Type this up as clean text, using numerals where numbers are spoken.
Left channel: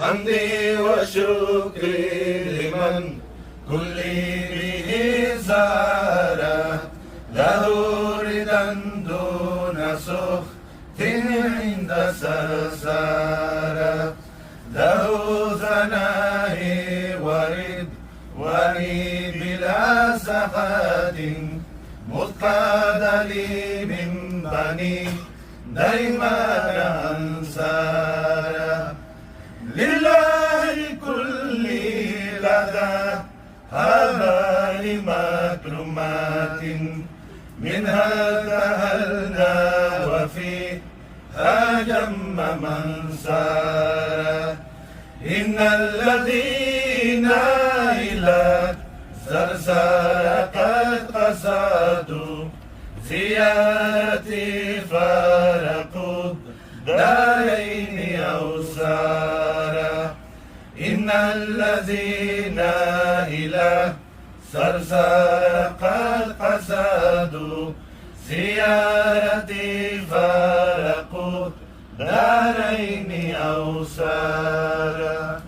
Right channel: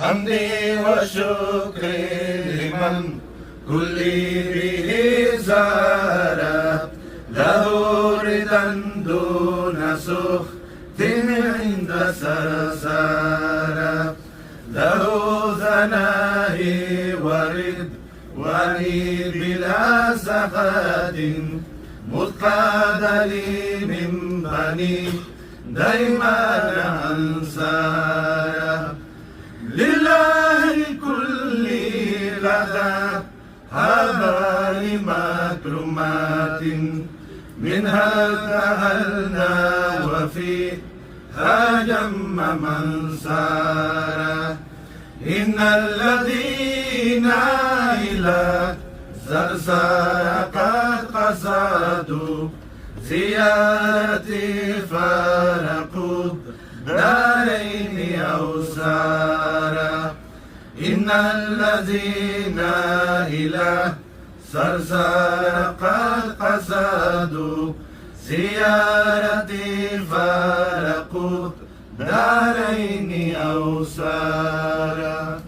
حمدي وشكري لمن كل به زار له ردا دون سخط عند سرسار له ثنائي ورد ولي بلا سخط متقاد لي من بني ديمان أنصار لله كل لدى هبال مكرمات منها تهلنا وفيها جم من سار إن الذين إلى زرزار قد قصدوا زيارتي فارقوا دارين أو سارا إن الذين إلى زرزار قد قصدوا زيارتي فارقوا دارين أو سارا.